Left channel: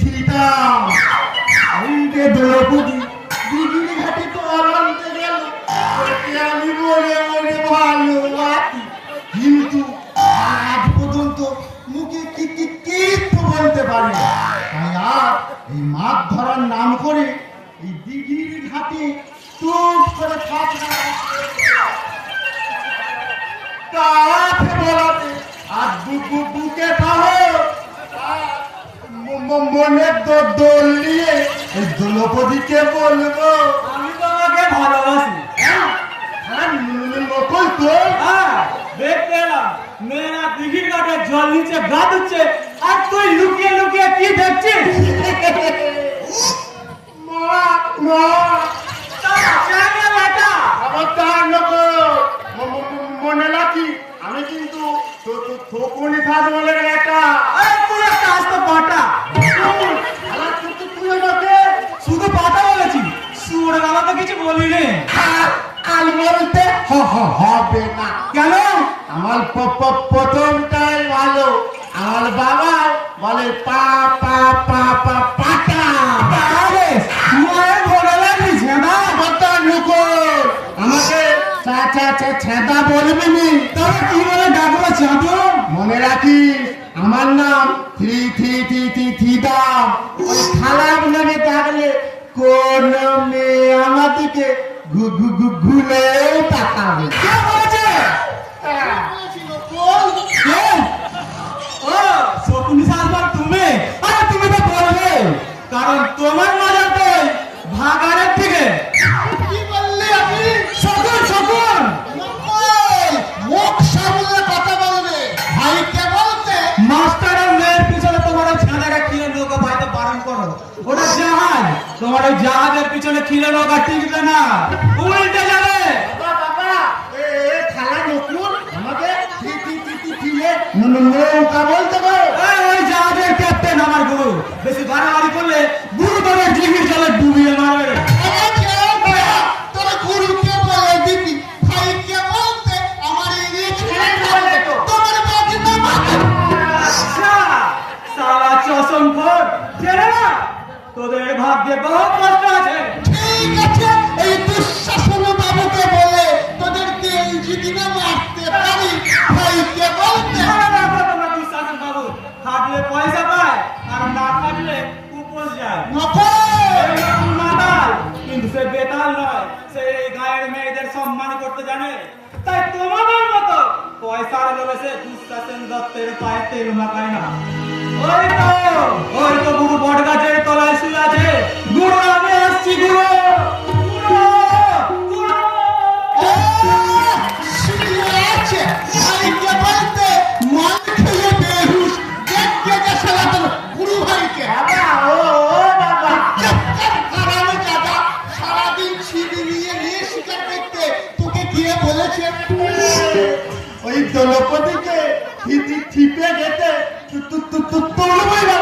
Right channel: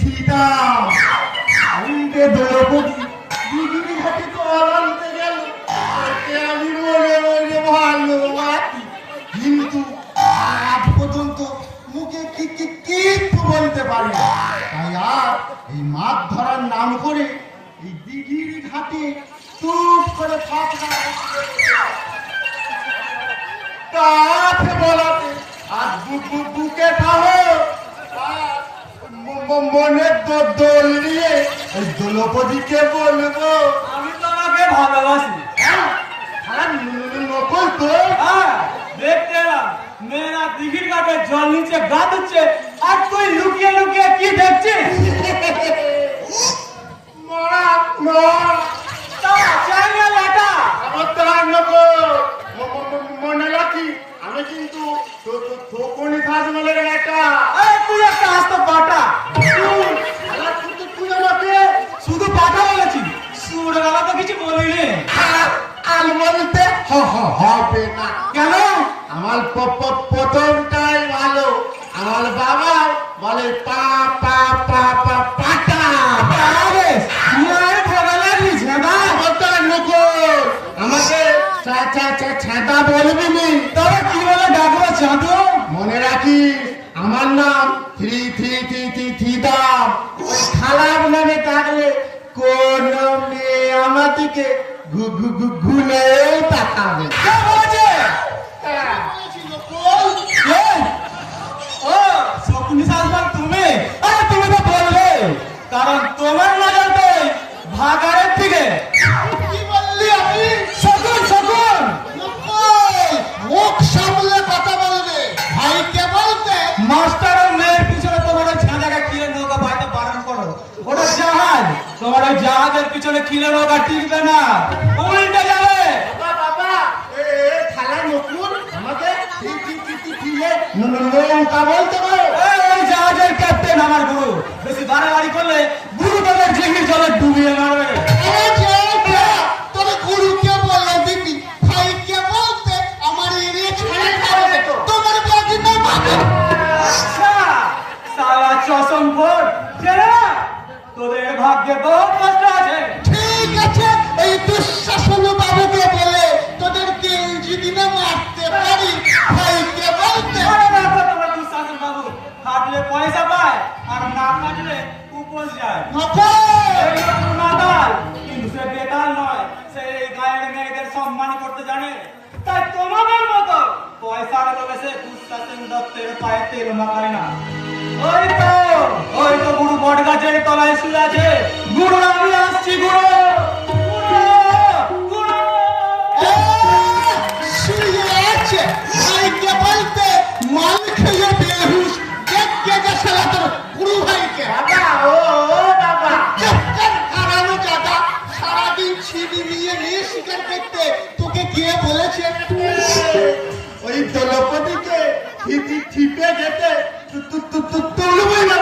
থিতাম আইরে দ্রৌপদী দিদির ঘাটে তো আনন্দে গেল আমি মনে মনে ভালোবাসি কিন্তু আজ পর্যন্ত মুখে কিছু বলতে পারি না তাই আর এই মাছ ধরার নাম করে এই দিঘির ঘাটে চুপ করে থাকবে কাঠ বলাতে আর বুকে সাহস মনে দোল নিয়ে এই দ্রৌপদীকে বলবো আমি তোমাকে ভালোবাসি। নকল তো দেখতে এলাম মেয়েরা দিঘির ঘাটে জল নিচে গা দিচ্ছে আর তুই লুকিয়ে লুকিয়ে কি দেখছিস? মনে রাখি আমি কিন্তু খোকনি থাক বলে একা তুই একটা আসতে পাটা শুধু পাটা বলেছি সুর বেলা তো কিছু বললি রে আল বলতে হবে না কেন? আমার প্রথমটাই ভালো আমার বাবা বলে পা পা পা পা পাটা আরে মায়ের ভোলা দিস না কথা লুকো আমাকে ছেদা বলবি নি তোরা কি বলে ডাকবো চাঁদু? মনে রাখিস আমার নাম থিদাম ওই খারাপ নামে ডাকলে কোন মেয়ে আমার দিকে ঘুলেও তাকাবে কে বলেছে? ও শকুনি শাসন তুমি? আরে তুমি তো বললে কারণ তোমার মজা তো ভাগাড়ের থেকে। কি বললি আপনি শকুন শকুন মুখ সামলে কথা বলবে ভাইকে বলতে মাস্টার আর মেয়ের পিছনে তোমার ছেলেকে কিনে নৌকা পাইতে বারণ করো। ওটা জাহাজ, তোমার ওই জাহাজের পিছনে কিনে নৌকা টিকবে না, উল্টে যাবে। বাবা এ খালা নকুল আমাকে নৌকা বলতে পারো ওই জাহাজের ক্যাপ্টেন আমার গুরু, বেশি বাড়াবাড়ি করলে গুরু তোমার ডিঙির জলে ডুবিয়ে মারবে। আচ্ছা সালা চশম ফোট ছেড়ে না, তোদের ভাগ্যে বহু কষ্ট আছে। ঠিক আছে এই দুঃশাসন বাবুকে বলে তোদেরকে ইঞ্জিনিয়ার মারতে পারি ভাইকে বলতে তোমার দুঃশাসন বাবু খাটলে পয়সা পায় আর না খাটলে উপোস যায়। এইরকম মাতাল, কিন্তু সে বেতাল নয়, সে এই গায়ের মেয়েদের সম্মান করতে জানে। তাই তোমাদের মতো পয়সার লোভে সে দুঃশাসন দত্তের পায়ে তেল মাখায় না। ওই তো গুরু বট গাছের তলায় শুয়ে আছে। গুরু আমি আসছি, গুরু গুরু ভাইকে বলতে মাল খেয়ে বেহুশ দেখতে গেছে গুরু ভাইকে সারাদিন ছিড়ি নিয়ে নিয়ে শিকার করতে তোকে গিয়ে বলেছে ওই দ্রৌপদীকে ঠিপে যেতে তুলবই না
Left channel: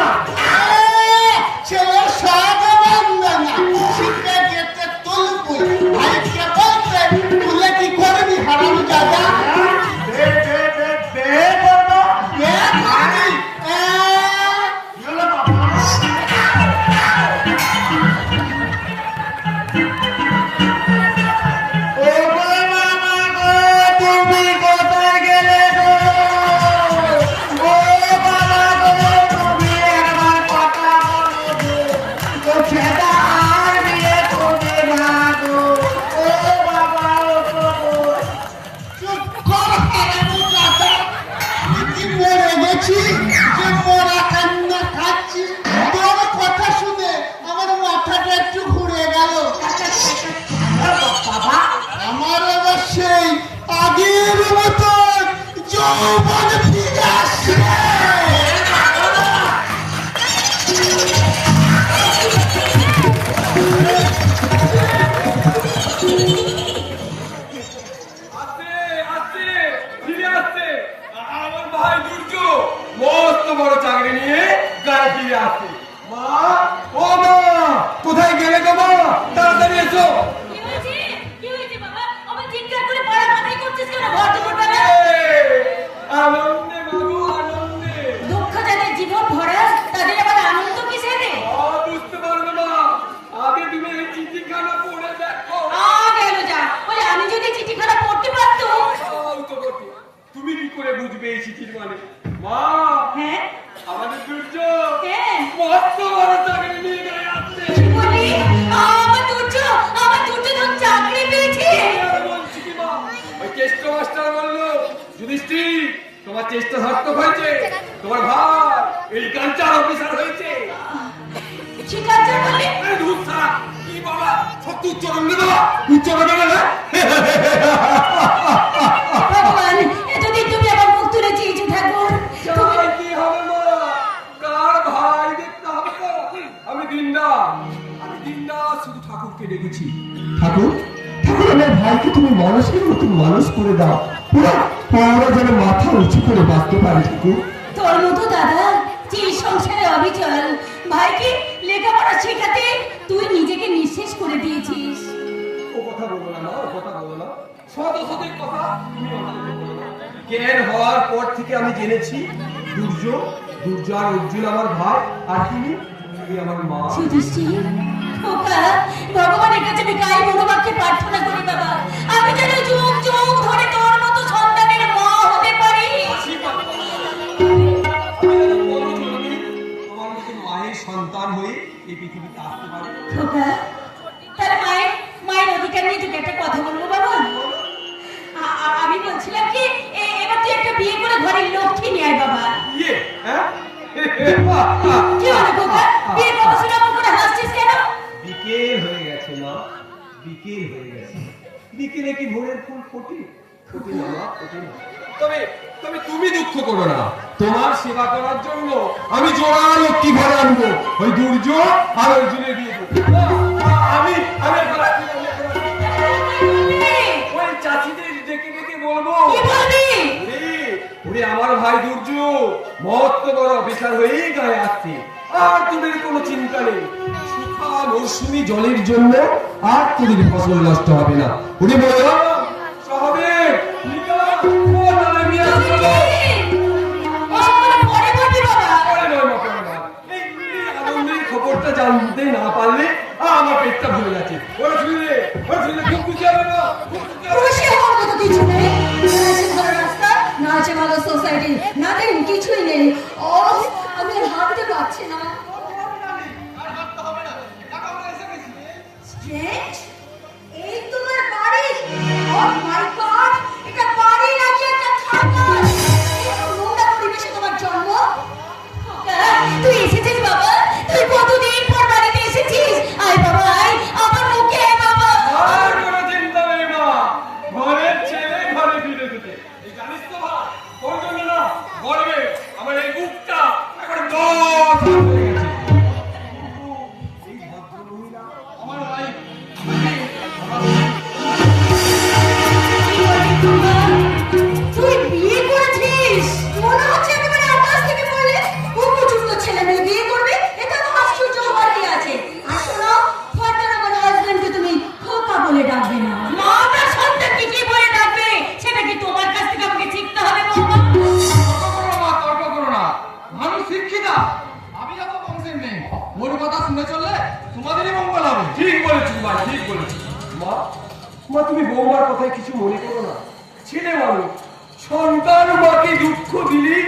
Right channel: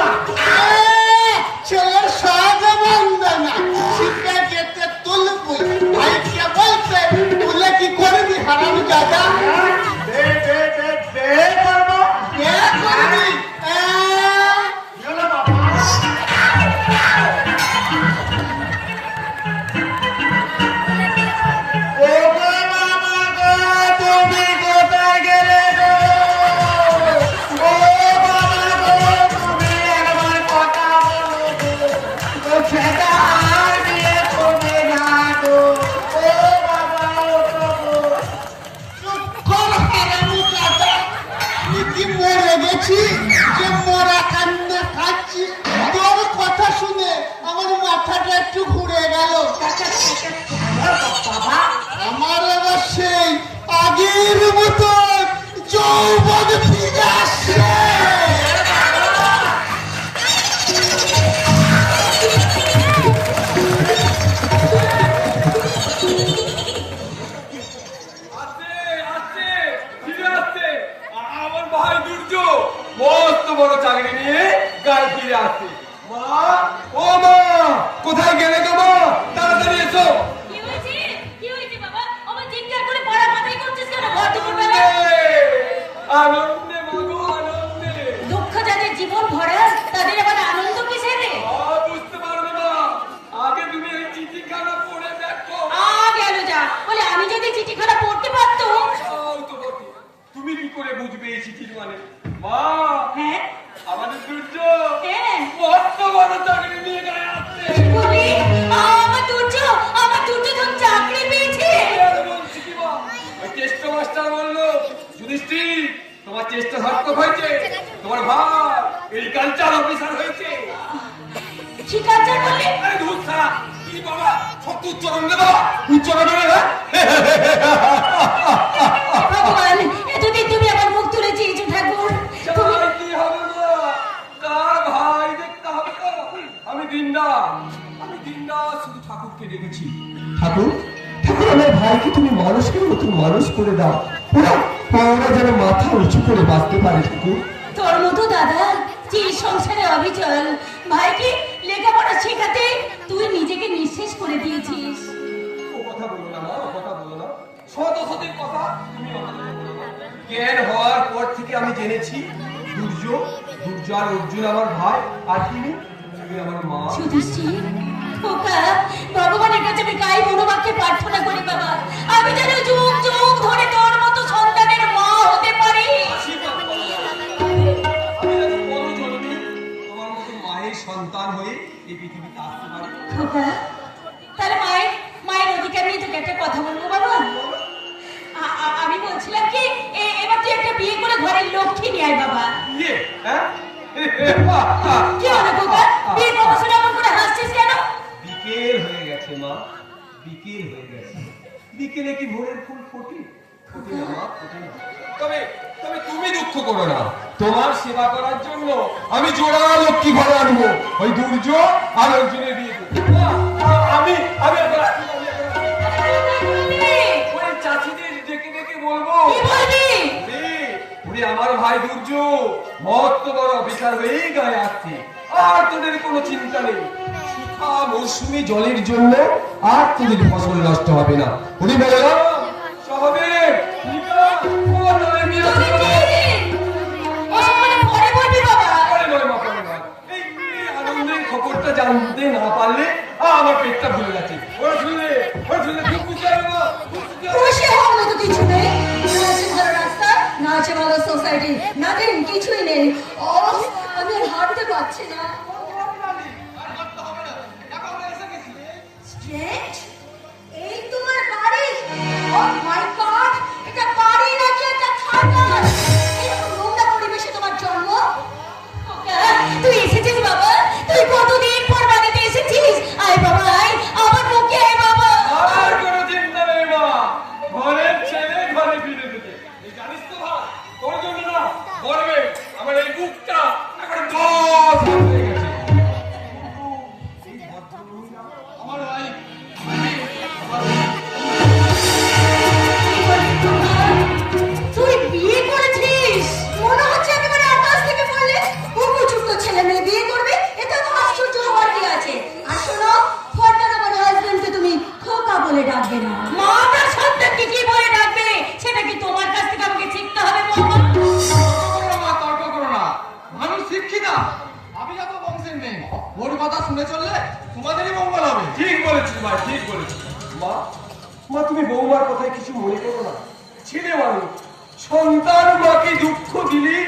ছেলের সহজে মানবে না শিখে যেতে তুলবই ভাইকে বলতে তুলে কি করবি হারাম দাদা বড় চাকরি নিয়ে গায়ে ফিরে আসছে। মা, ও মা, কোথায় গেলে গো মা? তাড়াতাড়ি এসো। কি হয়েছে? কি হয়েছে বাবা? আমার চিৎকার করে পড়া মাথায় করছিস কেন? ঘর দুপুর বেলা? আনন্দে বাবু, আনন্দে। দুঃখ যাদের জীবন ভরা তাদের আবার আনন্দ কিসের রে? চিঠির মানে। মা, হ্যাঁ আমাদের সূর্য হ্যাঁ মস্ত বড় চাকরি নিয়ে গায়ে আসছে। কি বলি? আমার দুর্য তো চাকরি পেয়েছে। আমি বলছি কি মা, ওই টেস্ট মাস্টার বললো, যুধিষ্ঠির তোমার টেস্ট সার্থক হয়েছে, তোমার ভাই এগ্রিকালচার অফিসার হয়েছে। কি কাজ করলে? আরে ধুর ছাড়া, কি বাবা সত্যি উচ্চারণ রে বাবা, উচ্চারণ রে না। ভগবান এতদিন তুমি আমার মুখ তুলে চেয়েছো ঠাকুর। তাই কি হবে মা, কার ভাই দেখতে হবে তো। আমি দিনদাস শুধু ঠাকুরকে ডেকেছি। ঠাকুর ঠাকুর আমার ভাইকে তুমি মানুষের মতো মানুষ করে দাও, ওরা যেন মাথা উঁচু করে বাঁচতে পারে। ঠাকুর তোর মতো দাদা যে সংসারে অবিচল, ভাইকে লেখাপড়া শেখাতে তুই নিজেকে নিঃশেষ করে দিয়েছিস। ও কথা বলো না মা, ও কথা বলো না, শত শতের কথা তুমি অন্তত বলো না। জ্ঞান হওয়ার পর থেকে আমি জেনেছি দুর্য আর অর্জুন আমার ভাই, আর তুমি আমার মা। যুধিষ্ঠির, ওকা ভগবানের কাছে আমি গাই মনোবাক্যে প্রার্থনা করি বাবা, আমি যেন যুগ যুগ ধরে তোর মতো সন্তানের মা হতে পারি। তোমার মতো মায়ের সন্তান হয়ে এই পৃথিবীতে আসতে পারি। ওকা তার মায়ের অধিকার নিয়ে তোকে একটা কথা বলবো বাবা। আমি বলছিলাম কি এবার তুই একটা বিয়ে করে ঘরের লক্ষ্মী নিয়ে আয় বাবা। ইয়ে হ্যাঁ কি হলো খোকা, বিয়ে করবো শুনে আমার করে হাসছিস কেন? বিকেল হয়ে গেছে মা, বিকেল হয়ে গেছে। বিকেলে কি ভোরের ফুল ফোটে? ফোটে না মা, ফোটে না। তবে তবে তুমি দুঃখ করো না, তোমার সেবা করার জন্য আমি জোড়া লক্ষ্মী ঘরে আনবো। ওই দুর্য আর অর্জুনের বিয়ে দেবো। আমি আমি এখন আসছি, আমি এখন আসছি। ওই চাচিদের ডেকে ডেকে বলবো, কি বলবি? ওরে আমার ভাই দুর্য মস্ত বড় অফিসার হয়েই গায়ে আসছে, আর তোদের কোনো চিন্তা নেই। সুখা মৌসুমি জলের জন্য আর তোদের ফসল নষ্ট হবে না। তুমি বলো স্বাভাবিক আনন্দের খবরটা জানতে না পারলে আমার পেটটা ভরে যাচ্ছে। ওরা শুনলে খুব খুশি হবে না, খুশি হওয়ার মতো কিছু নেই। না আছে ভালো রাস্তা, না আছে ভালো সোসাইটি, নাথিং, কিছুই নেই। ও আমি হাঁটতে পারছি না। স্ট্রেট, এই তোমার বাড়ি? ও মাই গড, এটা বাড়ি নাকি একটা থানা? এই নোংরা পরিবেশে তোমার জন্ম? তুই এসেছিস বাবা, তুই কতদিন পর বাড়িতে এসেছিস? আয় বাবা আয়, আমার মুখে আয় বাবা। আর কোনো চিন্তা নেই মা, ঘরের ছেলে ঘরে ফিরে এসেছে। এই জানিস তো মা, তোর জন্য না গর্বে আমার এই বুকটা এখন দশ হয়ে গেছে। এই ভদ্রমহিলা আমার ভাই, তুই বিয়ে করেছিস? মনে হচ্ছে একেবারে আকাশ থেকে পড়লে উপযুক্ত ছেলে মেয়ে বিয়ে করবে, এটা তো আশ্চর্য হওয়ার কি আছে? আর শোনো, ফর্দার আমার হাজবেন্ডকে তুমি খোকা বলে ডাকবে না। মা আপনার সন্তানকে কি বলে ডাকবে সেটা কি তোমার কাছ থেকে আমাকে শিখতে হবে বাবা? তর্ক করো না, মানুষ শিক্ষিতা। আমি যত বংশের মেয়ে, মোর কথা শুনে চললে তোমাদেরই মঙ্গল হবে। ঠিক বলেছিস ভাই, ঠিক বলেছিস। মা মা তুমি বৌমার কথায় কিছু মনে করো না। ছেলে মানুষ, সন্তান মাকে দুঃখ দিলি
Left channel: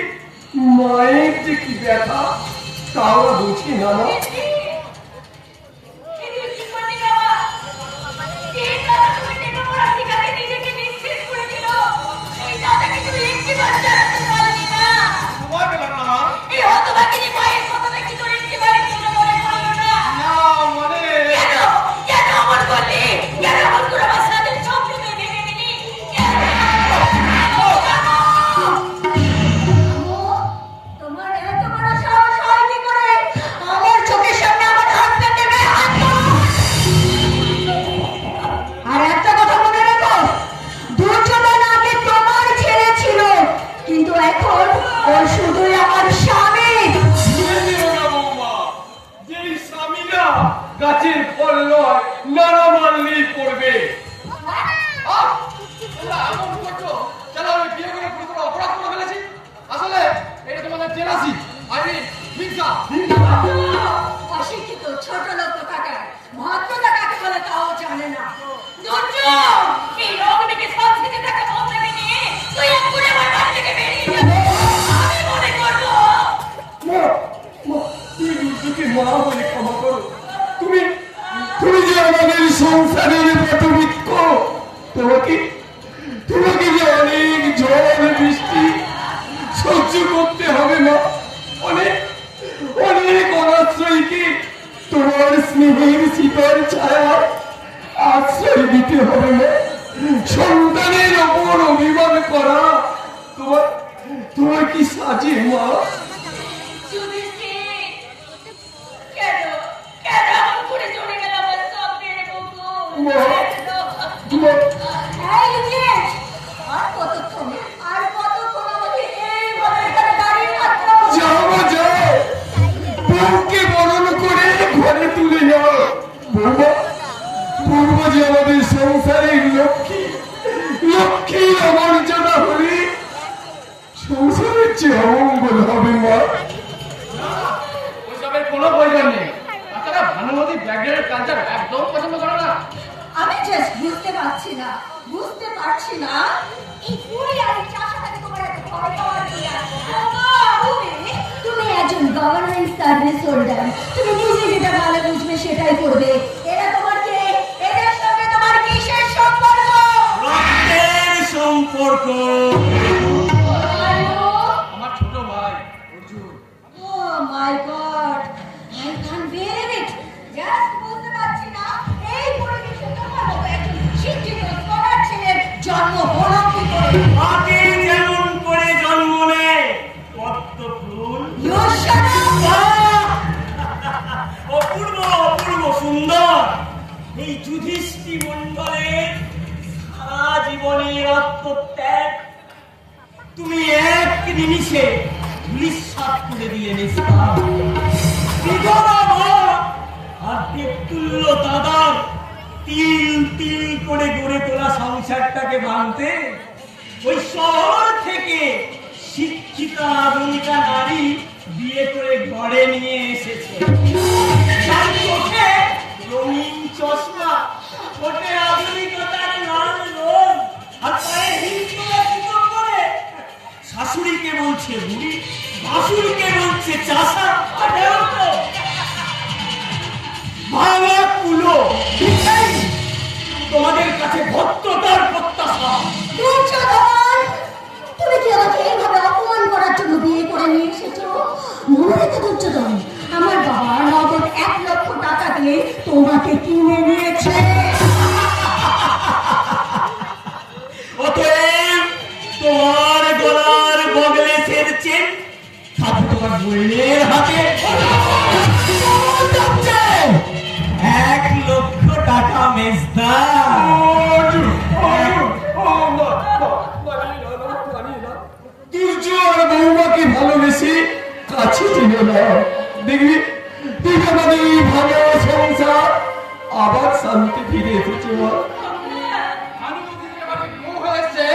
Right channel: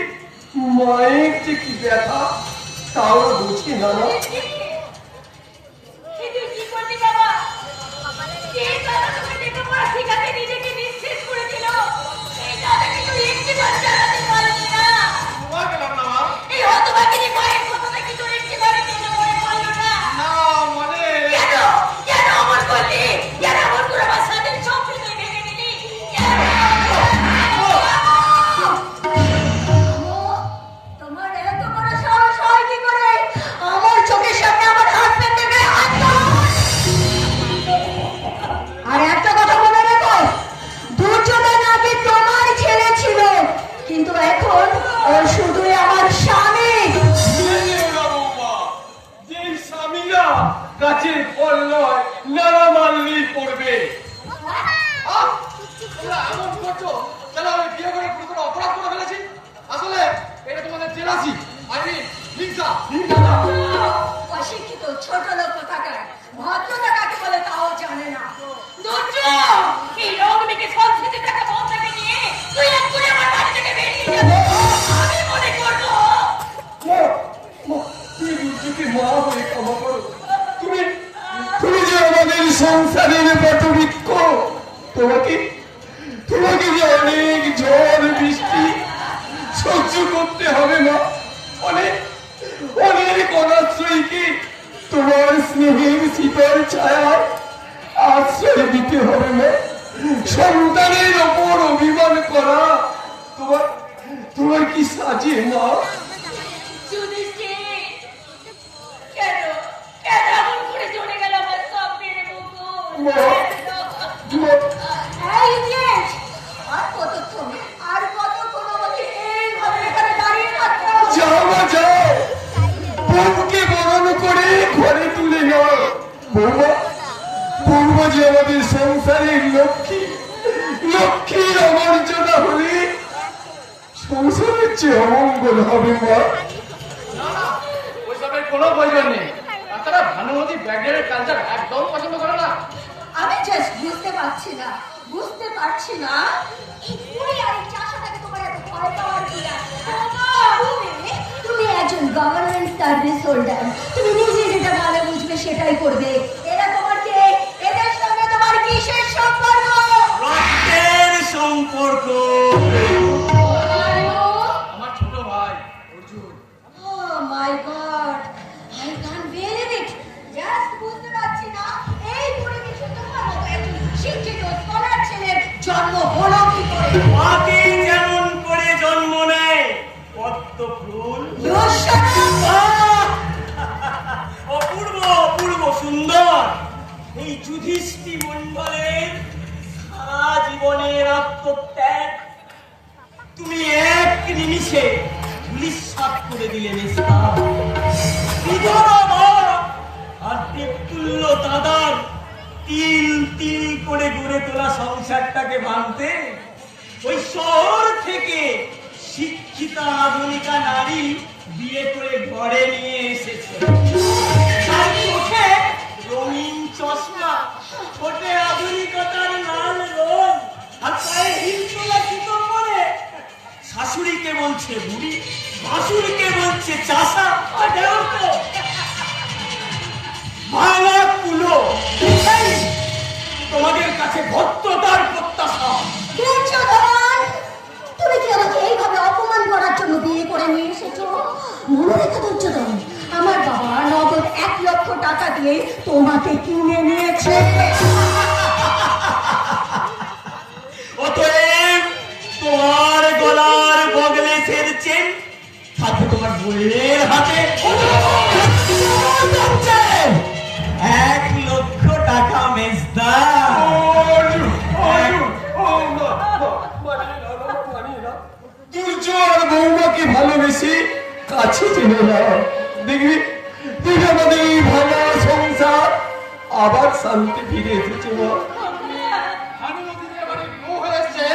মায়ের যে কি ব্যথা তাও বুঝি না মা। তোমার বেলা না মা, না মানে তোমার এত বড় সাহস হয় কি করে আমার চোখের সামনে আমার হাজবেন্ডের গায়ে হাত দাও? আর একটা কথা মনে রাখো, দুর্যোধন আগে তোমার ছেলে ছিল, কিন্তু এখন ও শুধু আমার স্বামী। ভুলে যেও না বৌমা, যেই স্বামীরা গাছের ফল নয় নানা মানলেই পড়বে। এমন করছো কেন? আমি বিয়ে করে কোনো অপরাধ করে ফেলেছি? আসলে এটা তোমাদের জেলাসি, হিংসা। অশিক্ষিত ছোট লোক কোথাকার, ভদ্রতা কাকে বলে তাও জানে না। দুর্য, এই রোগ থেকে সংস্কৃতি থাকা বংশকে নিয়ে তুই এক্ষুনি আমার বাড়ি থেকে বেরিয়ে যাবে। আমাদের সংসারের বটবৃক্ষ। তোমাকে তোমাকে যে অনেক ঝড় বৃষ্টি সহ্য করতে হবে না, অনেক অনেক অনাশ্রয়ীকে তোমার স্নেহের শীতল ছায়া আশ্রয় দিতে হবে না। সন্তানের ওপর অভিমান করা তোমার তোমার কি সাজে না? যুধিষ্ঠির, কেন কেন এমন করে চলে গেল আমার সামনের বউ? এই ইডিয়েট! আর কতক্ষণ আমাকে এইভাবে এখানে দাঁড়িয়ে থাকতে হবে? যাও গো, যাও, বউকে বরণ করে ঘরে তুলে যাও। বৌমা, বৌমা যে আমাদের সংসারের লক্ষ্মী, লক্ষ্মীর অমর্যাদা হলে সংসারের চেয়ে অমঙ্গল হবে মা। ওইসবের কোনো প্রয়োজন নেই। তাছাড়া ভানুমতি ব্ল্যাকডের কালচার একদম পছন্দ করে না। আমি জাস্ট বুঝতে পারছি না এই পুরি আর এই চাষাটাকে তোমার এত ভয় পাওয়ার কি আছে? তুমি একজন গভর্নমেন্ট সার্ভিস হোল্ডার, তুমি নিজে যেটা ভালো বুঝবে সেটাই করবে। এরা তোমার কে? এদের সঙ্গে তোমার কিসের সম্পর্ক? রক্তের সম্পর্ক। আমার ছোট ভাই Arjun. Oh my God! I can't bear it. Just বুঝতে পারছি না এই পরিবেশে তোমার মতো একজন শিক্ষিত স্কলার ছেলের জন্ম হলো কি করে? মাকে যেমন করে জন্ম নেয় পদ্ম ফুল, You shut up! অপূর্ব অপূর্ব সুন্দর এই যুধিষ্ঠির মণ্ডলের সারা জীবনের আত্মত্যাগ তুমি এক নিমিষে নিঃশ্বাস করে দিলে নিস্তার। বিধবা মা আর দেবতুল্য দাদার তিল তিল করে গড়ে তোলা সংসারটাকে ভাঙতে ওই শহর থেকে শিক্ষিতা আধুনিকা নারী বিয়ে করে ঘরে নিয়ে এসেছে। তার চোখে রঙিন চশমা, ঠোঁটে আধুনিকতার লাল রং, আর পায়ে হিলতোলা জুতো পরে শাশুড়িকে বলছে বুড়ি, ভাসুরকে বলছে চাষা। ভাঙা কুলো, এই তোমাদের কাছে ভদ্রতার প্রত্যাশা। দুর্যোধন! তুমি কি আমাকে এইভাবে অপমান করার জন্য বিয়ে করে নিয়ে এসেছো? মনে রেখো দুর্যোধন, আমার বাবা নগদ 1 লক্ষ টাকা দিয়ে তোমাকে কিনে নিয়েছে। অতএব তোমার গলার বগলে ফেলছে থাকে তোমার বইয়ের হাতে 1 লক্ষ টাকা মেজদা। দুর্যোধন বৌমাকে ভালোবেসে কাছে টেনে নাও। দেখবি তুই আমাদের এই ভালো সংসার আবার শান্তি ফিরে এসেছে মা। ভানুমতি যে এবারে বউ হয়েছে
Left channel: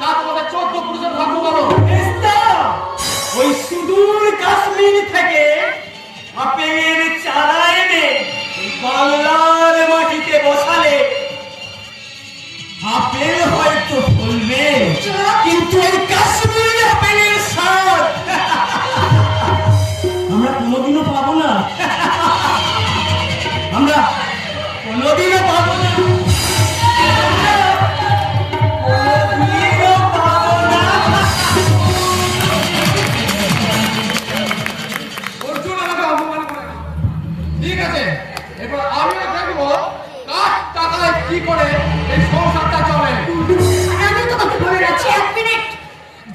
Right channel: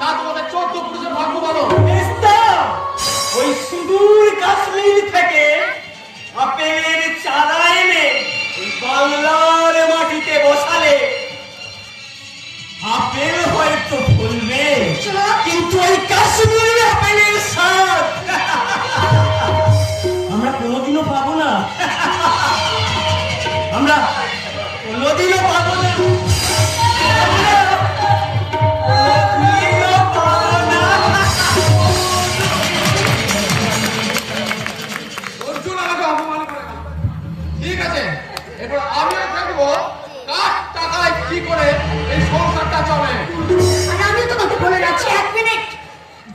তা তোমাদের 14 পুরুষের ভাগ্য বলো। মেজদা, ওই সুদূর কাশ্মীর থেকে আপেলের চারা এনে ওই বাংলার মাটিতে বসালে আপেল হয়তো ফলবে, কিন্তু ওই কাশ্মীরের আপেলের স্বাদ আমরা কোনোদিনও পাবো না। আমরা কোনোদিনও পাবো না। কোনোদিনও পাবো না। অর্জুন আমাকে অপমান করে না। ঠিক আছে, এবার আমিও দেখবো কার টাকায় কি করে এই সংসারটা চলে। আর আমি তোমাকে বলে যাচ্ছি 1 মিনিট,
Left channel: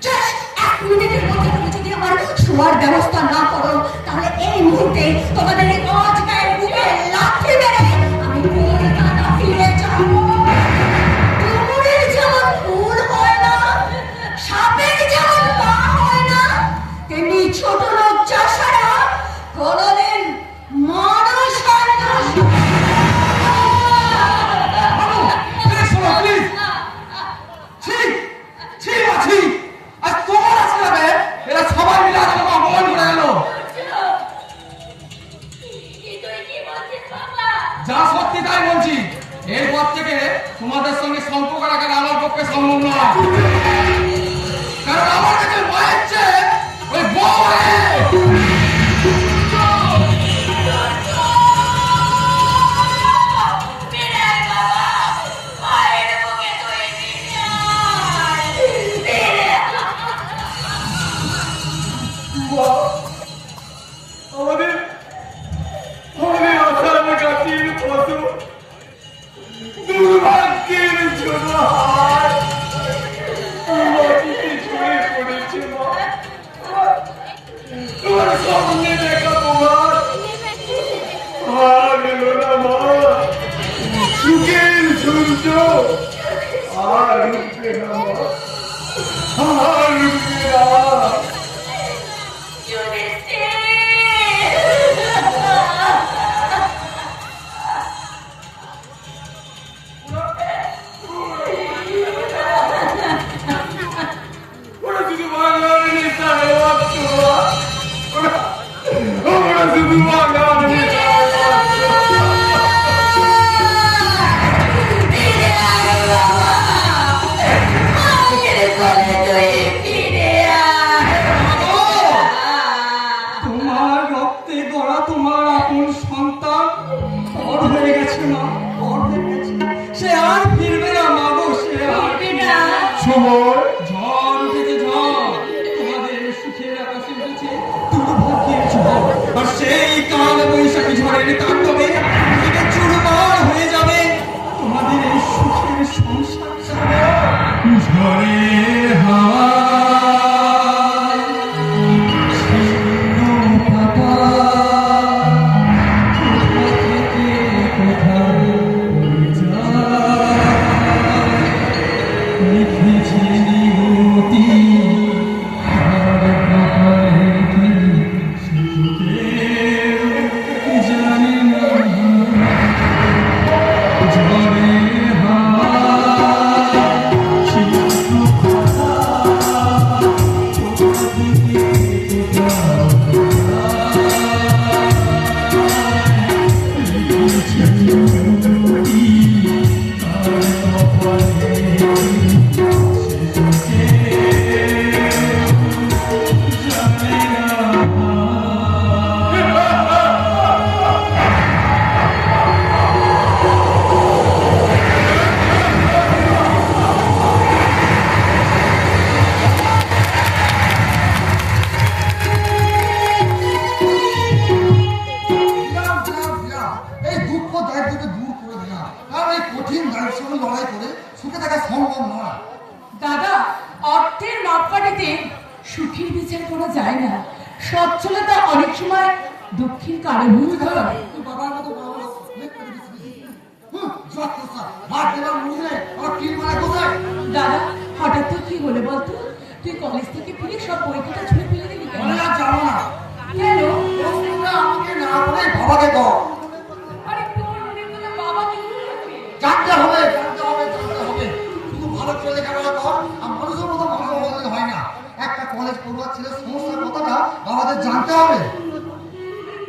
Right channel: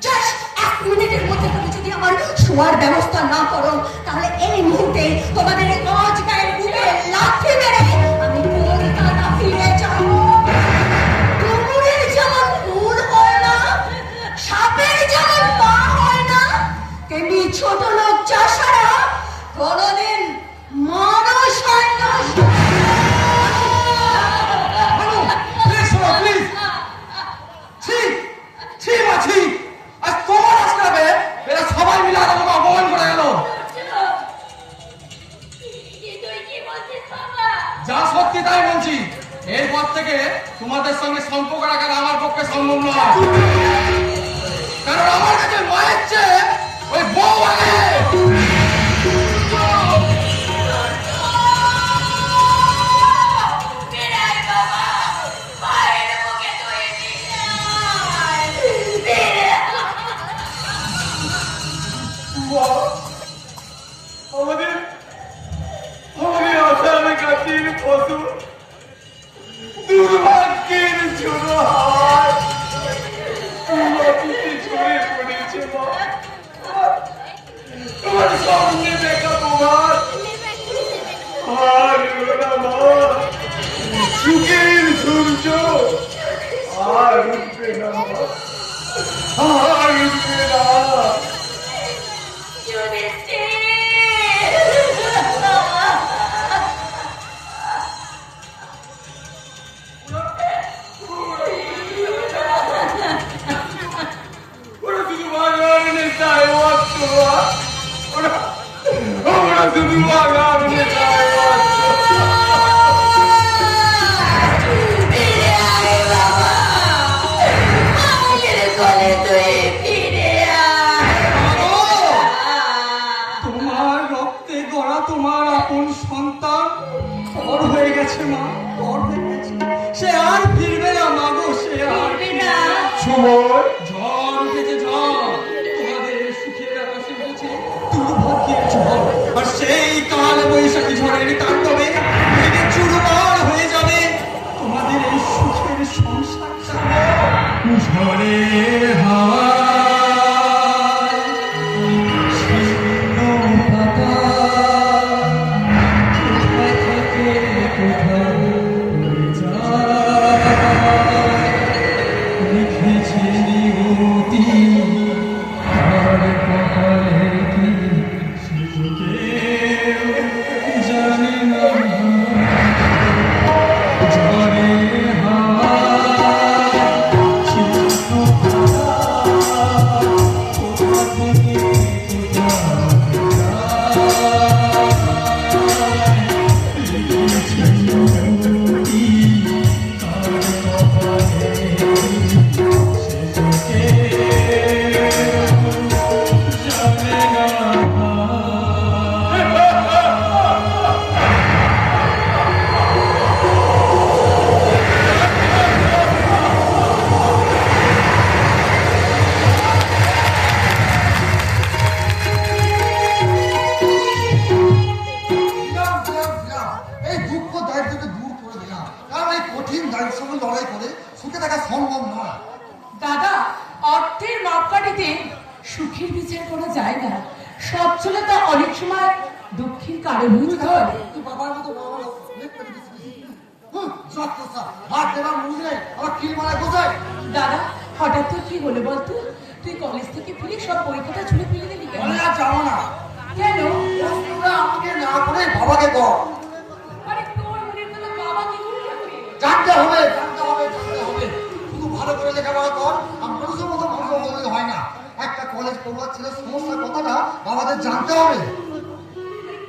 জাস্ট 1 মিনিটের মধ্যে তুমি যদি আমার শোয়ার ব্যবস্থা না করো, তাহলে এই মুহূর্তে তোমাদের এই কাজ গায়ে বুকে লাথি মেরে আমি কলকাতা ফিরে যাব। ডুমুরের যেমন ফুল হয় না, সাপের যেমন পা হয় না, তেমনি ছোট লোক চাষারা কোনোদিন মানুষ হয় না। প্লিজ, ছি ছি মা, ছি। আর তোমার আসলে এরা সবাই মিলে আমাকে অপমান করে এলো। যা সত্যি তাই বলছি, এরপর থেকে তোমাদের সঙ্গে সম্পর্ক রাখা আমার পক্ষে সম্ভব নয়। কারণ আমার কাছে মায়ের চেয়ে ওই বউ দুর্ভাগ্যের জন্য মাটিতে ঝরে পড়েছে মা। তোমার সামনে দেখা তোমার আর এলো না মা। সুখের সূর্য আর উঠবে না মা, আর উঠবে না। ওরা শুধু বাঙালি নেতায় অর্থ, ওরা শুধু বাঙালি নেতায় তোমার রক্তে গড়া তোমার আপন সন্তান পর হয়ে গেছে মা, পর হয়ে গেছে। সে আর ফিরবে না মা গো, সে আর ফিরবে না। সময় ঝড় উঠেছে ঝড়, তোমাদের সুখের আকাশে উঠেছে দুর্ভাগ্যের ঝড়। আর সেই কাল বৈশাখী ঝড়ের তাণ্ডবে ভেঙে চুরমার হয়ে যাবে তোমাদের এই সুখের সংসার। ঝড়ের হাওয়ায় শীর্ণ পাতা কোথা থেকে কোথায় উড়ে যায়। লিখেছে নিয়তি তার কপালে কি সে তো কেউ জানে না। ঝড়ের হাওয়ায় শীর্ণ পাতা কোথা থেকে কোথায় লিখেছে নিয়তি তার কপালে কি সে তো কেউ জানে না। দিলাম, দিলাম, দিলাম। এই দুঃখ দারিদ্রকে দূর করে দিলাম, কারণ এই কঠিন দারিদ্রের সঙ্গে লড়াই করে সুখে থাকা সম্ভব নয়। দাদা, অর্থের মাপকাঠিতে সুখের বিচার করা যায় না। সচ্ছলতা অনেক সময় দুঃখের কারণও হয়। তুই বাবার মতো বাবার যত সব ভাত দেবার মুখে আর কি মানে কোথায় দাদা, হঠাৎ তুই কি বলে বলতো? তুই কলেজ থেকে ফিরে সব বইখাতা ছুঁড়ে ফেলে দিবি কেন? আমি আর যাবো না। কেন? তোমরা আমাকে না করে বাবাকে কর। আরে তোর মনের কথা বাবা কি করবে? জানতে হবে, জানতে হবে, জানতে হবে। শুধু ভালো করে লেখাপড়া কর, আর মানুষের মতো মানুষ বললে হয় না। একটা কলেজ পড়ুয়ার ছেলের সমস্যার কথাটা বাবাদের জানতে হবে।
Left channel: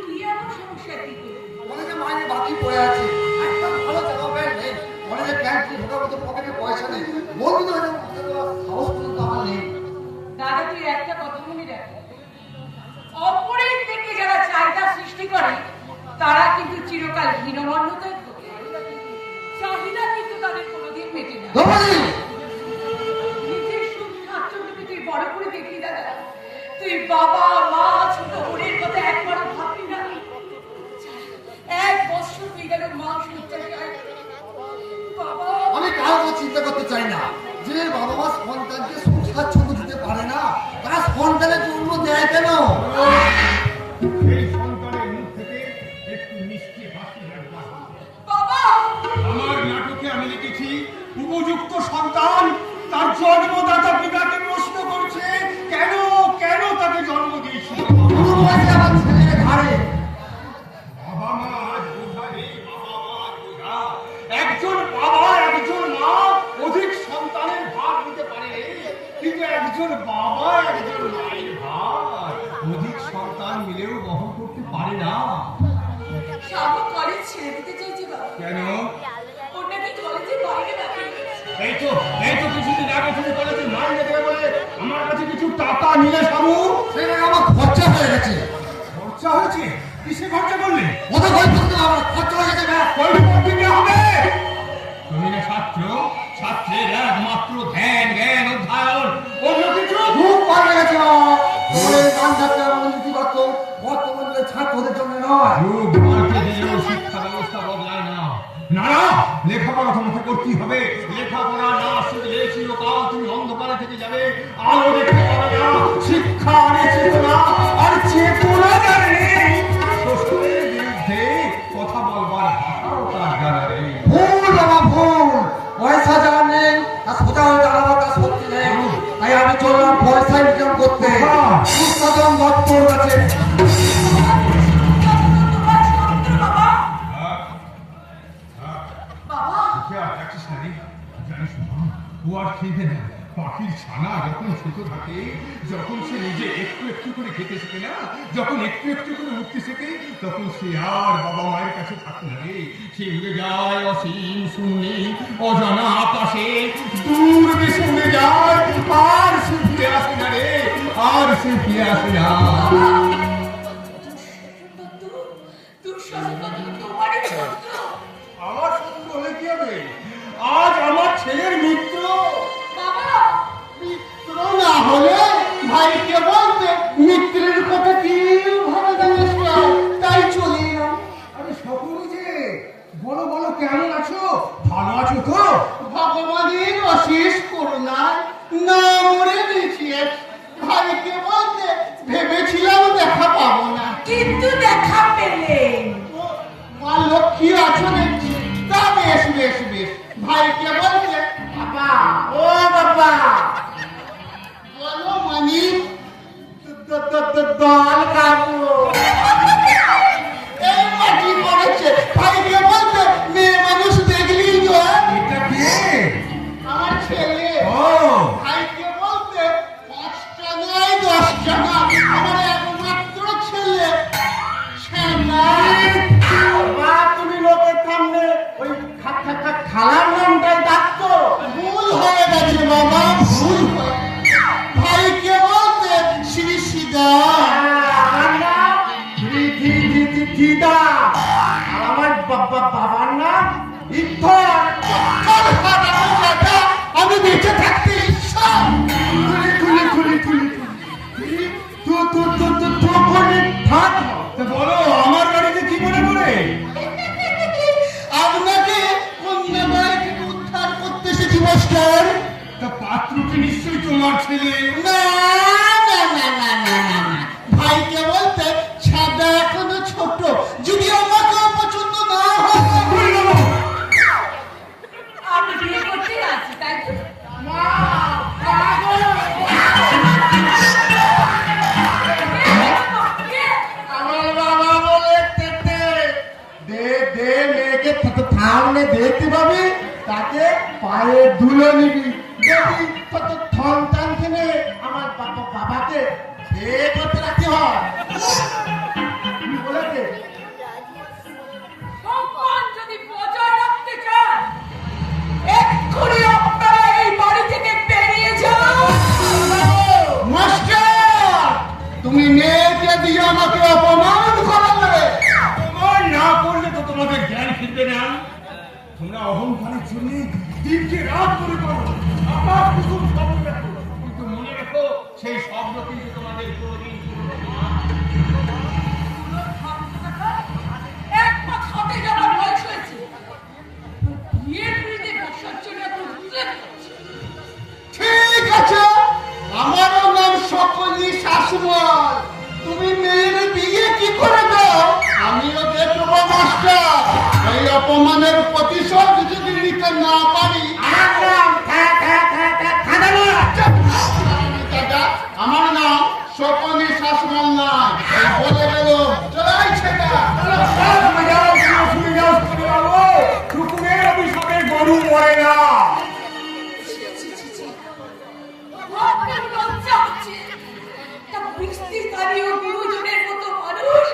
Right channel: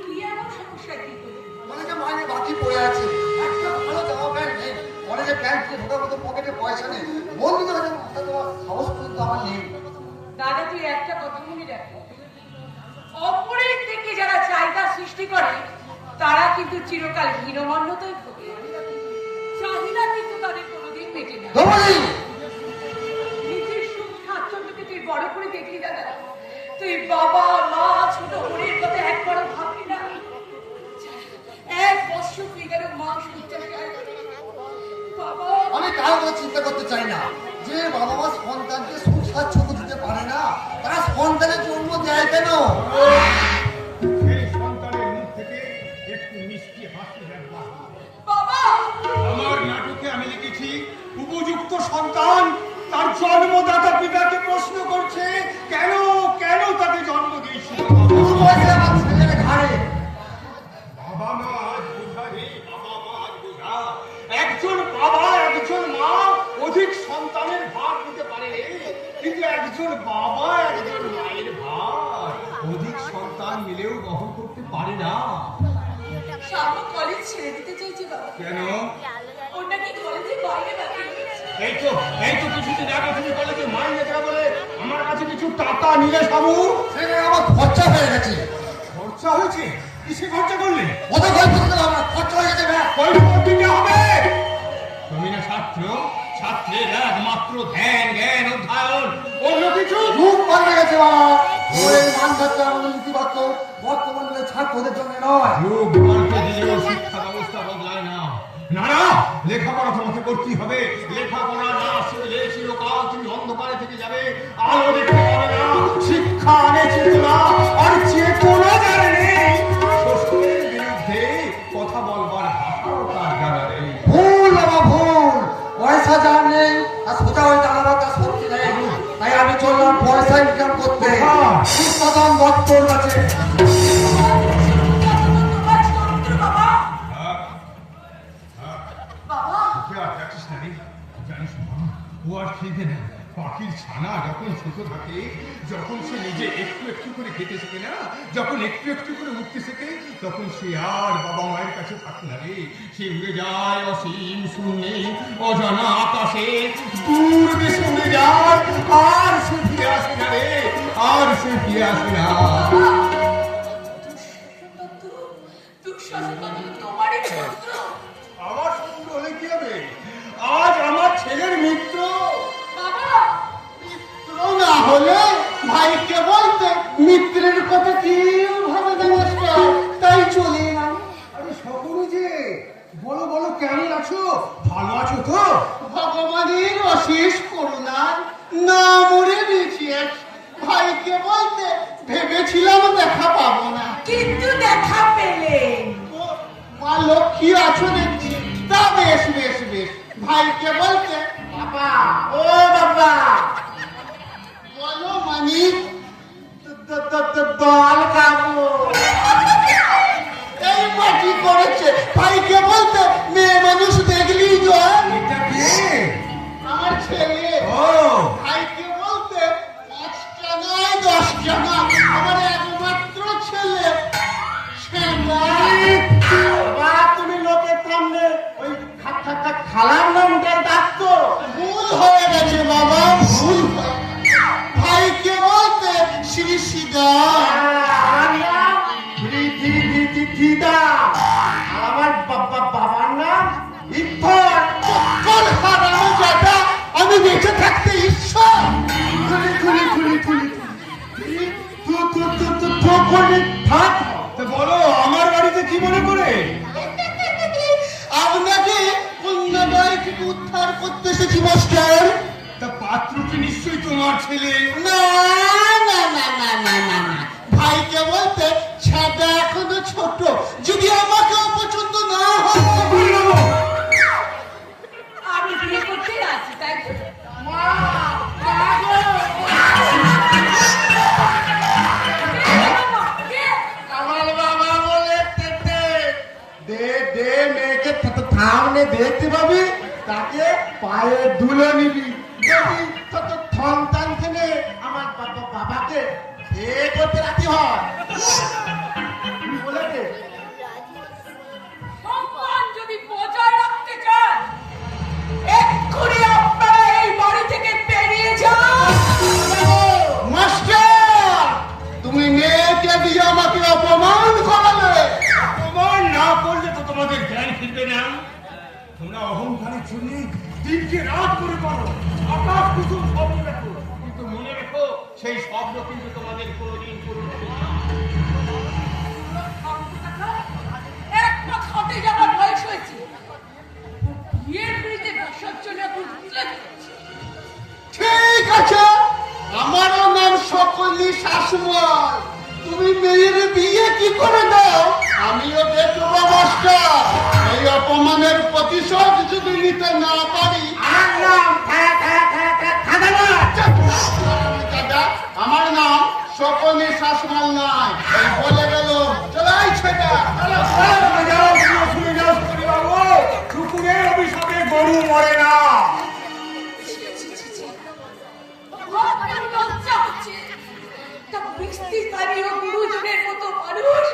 কি এমন সমস্যা কি করে? কলেজে মাইনে বাকি পড়ে আছে, একটা ভালো জামা প্যান্ট নেই, কলেজে প্যান্ট দিয়ে ঢোকার মতো পকেটে পয়সা নেই, বলবি তো এরকম কথা দেওয়ার সাহস পর্যন্ত আমার নেই। দাদা, তুই একটা কথা মনে রাখ, অপরের থেকে যারা চাহিদা সৃষ্টি করে তারা কিন্তু চিরকাল হীনমন্যতায় ভোগে। চাহিদা কিন্তু তাদের কোনোদিন মেটে না। দ্রৌপদী, নিজের সুখ স্বাচ্ছন্দ্যকে তুই বড় করে দেখলি দাদা? তুই বাবা মা ছোট বোনের কথা একবার ভাবলি না? এক বছর তুই যেন মাংস বাবা, আমি কারো চিন্তা করতে চাই না। যে বাবা মা সন্তানকে সুখ স্বাচ্ছন্দ্য দিতে পারে না, তারা সন্তানের জন্য দেয় কেন? সেই সন্তানের মুখ থেকে একটু মিষ্টি হাসি বের হয়। বাবা, আমার নাটকে আমি লিখেছি উপযুক্ত সন্তান তার জন্মদাতা পিতাকে প্রশ্ন করছে কেন কেন তাকে জন্ম দিয়েছিল। শুরু হয়েছে আমার ছেলের ঘাড়ে। বাবা মা আজ বোঝা নেই, বাবা মা আজ বোঝা। একজন বাবা একজন মা অধিক সন্তানের ভার নিতে পারে, কিন্তু একজন বাবা একজন মায়ের ভার অধিক সন্তান মিলেও বহন করতে পারে না। শামু কলেজ ছেড়ে দিতে চাইছে বাবা। কেন? ওটা কি কলেজের বাইরে নাকি? এই তো কিছুদিন আগে তুমি কলেজে নাম লেখা বলে আমার কাছে কিছু টাকা নিলে সাবু। সেটা আমার খরচা হয়ে গেছে। খরচা হয়েছে? কিসে খরচা করলে? ওদের ভয় করতে পারবো না, খরচা হয়ে গেছে ব্যাস। কৈফিয়ত দিতে হবে। তুমি না ছাত্র, ছাত্রের একমাত্র ধ্যান জ্ঞান অধ্যয়ন, অন্য কিছু খুব পাল্টে গেছে বাবা। ওই মান থাকতে আমাদের নীতিবাক্য বর্তমান যুগের ছাত্রদের জন্য নয়। যুগ পাল্টে দিলেও শিক্ষা ব্যবস্থা বদলায় না। লেখাপড়া তোমাকে করতেই হবে। লেখাপড়া না শিখলে চিরকাল তুমি অন্ধকারে থেকে যাবে। আলো দেখতে পাবে না, শিক্ষা আনে চেতনা, আর চেতনা যার নেই, শ্বশুরের বিরুদ্ধে কথা বলবার ভাষাও তার জানা নেই। ভুল বাবা ভুল, পয়সা যার নেই আর সোজা হয়ে দাঁড়ানোর তার শক্তি নেই। তাই আমি চললাম পয়সা ইনকাম করতে উৎপাদন দপ্তর আছে। জানিস না, ও আর খেতে না। পাখির ছানা যখন ছোট থাকে, যখন সে নিজে একটু একটু করে খেতে শেখে না, যখন একটু একটু করে উঠতে শেখে, তখন সে আর বাবা মায়ের কাছে থাকতে লাগে। সে উড়ে যায় অসীম শূন্যে, অজানা আকাশে, দূর দেশে উড়ে যায়, আর সে ফিরে আসে না রে, আর সে ফিরে আসে না। আমার শত্রু হলে কি হবে? আজ আমার ছেলের মিত্র। মিত্র না হলে ভাইকে বলতে মিত্রের কথা কি ভাবে নমস্কার, তাই চলে এলাম। আরে সকলে যে বলো বলো, কেমন আছো? ভালো আছো তো? ভগবানের অশেষ করুণা না মরে বেঁচে আছি। ভাইকে বলতে ভেবেছিলাম দেখা পাবো না, কিন্তু দেখা পেলেন। তো মা লক্ষ্মী আছো দেখছি। তা বেশ বেশ বেশ, ভাইকে বলতে বাবা, ও বাবা বলো মানি দল খাবো। এই মাটি করেছে। ভাইকে বলতে মেয়ে মানুষ দেখলি তো এটা কে? আমার ছেলে। ও ভাইকে বলতে 5টা নয় 10টা না, আমার একমাত্র ছেলে। বাবা তুমি লোকের সামনে ওই খালার নামটাই ডাকতো, ভুল হয়ে গেছে বাবা, ভুল হয়ে গেছে। ভাইকে বলতে শ্রী সিদা। দিদা আমার বাবার নাম ইফান। চক্কর হারানো যাবে, আমি বেঁচে থাকতে ইচ্ছা। খুলি খুলি খুলি থাক। তা বলো, আমার বাড়িতে কি মনে করে? আপনাকে কন্যাদায় উদ্ধার করতে এসেছি মাস্টার। তা পাত্রটি নিশ্চয়ই তোমার ছেলে। না না না না না না না, ভাইকে বলতে ছাদা এখনো ছোট, যদি আমাকে পছন্দ না হয়। আপনি বিয়ে করতে আছি তাই তো? আমার বাবা বলে দে দে, মেয়েকে সামনে দেখতে পাবি, তাকে পায়ে ধুলো নিবি। দেখবি তত সন্তান থেকে আমার বাবাকে বিয়ে করতে রাখতে হয়। কি বলেছে? সম্মান যদি বজায় রাখতে চান, এক্ষুনি আপনারা এই বাড়ি থেকে বেরিয়ে যান। মাস্টার, তুমি মেয়েকে দিয়ে আমাকে অপমান করাবে। তোমার না করলে তো তোমাদের জ্ঞান ফিরবে না। তোমরা অহংকারের জন্য দিনকে রাত করে করো, আপনার কুসুম শব্দ রাখো, কিন্তু মনে রেখো সেই শব্দ কিন্তু তোমাদের কোনদিন পূর্ণ হয় না। এক পাক হতে যাওয়ার বয়স হয়েছে, বিয়ের বিরুদ্ধে বসার জন্য এত উদ্বেগ করছে। ঠিক আছে, আমারও নাম সকলি শাসমল। তুমি মেয়ের বিয়ে কি করে দাও, আমিও দেখবো মাস্টার। এই অপমানের প্রতিশোধ যদি নিতে না পারি, আমার নাম সকলি শাসমল নয়, এই বলে গেল। চলাই ছেটা কুকুরের অভিশাপে গরু মরে না। আপনার লজ্জা হচ্ছে? তা বৃষ্টিকারী ও গুরুজনের মতো মানুষ